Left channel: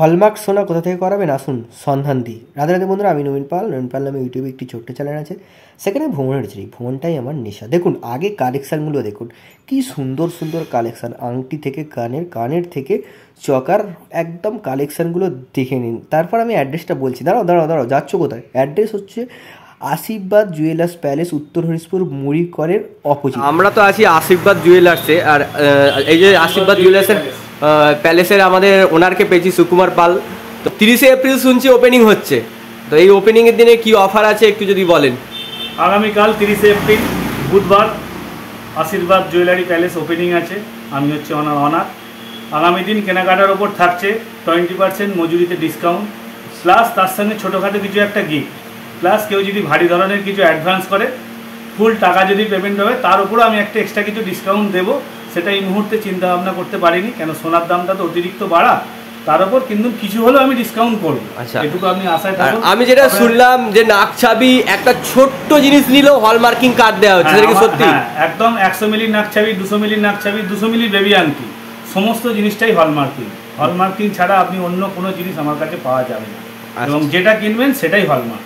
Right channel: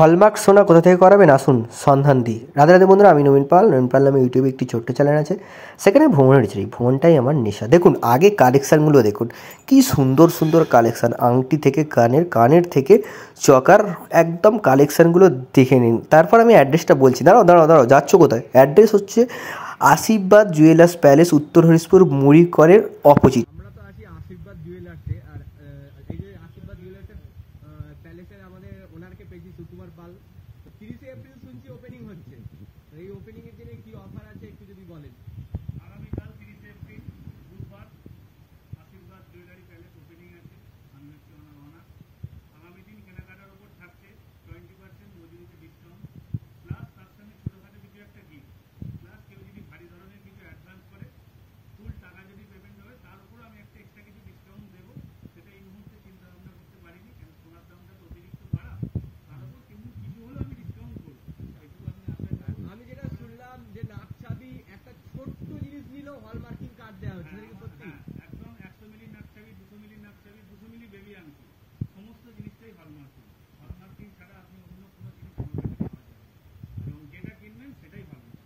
Hallmark সোনা কোথা থেকে করাবেন আসুন সন্ধান দিই। রাধে রাধে বন্ধুরা, আমি নবীন পাল নামে ইউটিউবে একটি ছোট্ট চ্যানেল আছে, সেখানে ভ্রমণের চাই, ভ্রমণটাই আমার নেশা। দেখুন আগে কালেকশানগুলো দেখুন, কি সুন্দর সুন্দর কালেকশান, আংটি থেকে কানের থেকে চকার, একদম কালেকশানগুলো দেখে নিন। তারপর আমি অ্যাড্রেসটা বলছি। দাঁড়াও যাচ্ছ কোথায়? অ্যাড্রেস হচ্ছে আশীর্বাদ জুয়েলার্স প্যালেস, উত্তর হরিশপুর, মুড়িকরের অপোজিট। আমরা তো আছি আশীর্বাদ জুয়েলার্সে, আর এই যে আশীর্বাদ জুয়েলার্সের প্যালেসের আমাদের ওনারকে পেয়েছি, সুকুমার পাল। তো 30শে এপ্রিল শুনছি ওপেনিং হচ্ছে, তো এই ওপেনিংয়ের দিনে কি অফার আছে একটু যদি বলেন। আগামীকাল 30শে এপ্রিল বুধবার আশীর্বাদ জুয়েলারি প্যালেস ওপেনিং আছে। আমি হচ্ছে অনার। আগামী দিন কেনাকাটার ওপর থাকছে 20% মজুরিতে ডিসকাউন্ট, প্লাস তার সঙ্গে ছোটোখাটো কিছু একটা গিফট, প্লাস কেউ যদি ভারী ধরনের কিছু অ্যাডভান্স করে, ফুল টাকা যদি পেমেন্ট হবে, তার উপরও আমি একটা এক্সট্রা কিছু ডিসকাউন্ট দেবো। সেটা এই মুহূর্তে চিন্তা ভাবনা করতে পারিনি, কেন সোনার দামটা তো অতিরিক্ত বাড়া, তার উপর কিন্তু কিছু হলেও আমি ডিসকাউন্ট করবো। আচ্ছা, এটুকু আপনি আশায় থাকুন। আমি যেটা শুনলাম যে নাকছাবি একটা ছোট্ট জিনিস নিলেও হলমার্কিং কার্ড দেওয়া হচ্ছে, সেটা কি সত্যি? একদম 100 মিলির নাকছাবি, 200 মিলির নাকছাবি, 200 মিলির বেবি আংটি, সমস্ত জিনিসটাই হলমার্কিং ছাড়া আপনি অন্য কোনো জিনিস আমার কাছে পাওয়া যাবে না, এবং যেটা কিনবেন সেটাই হলমার্ক।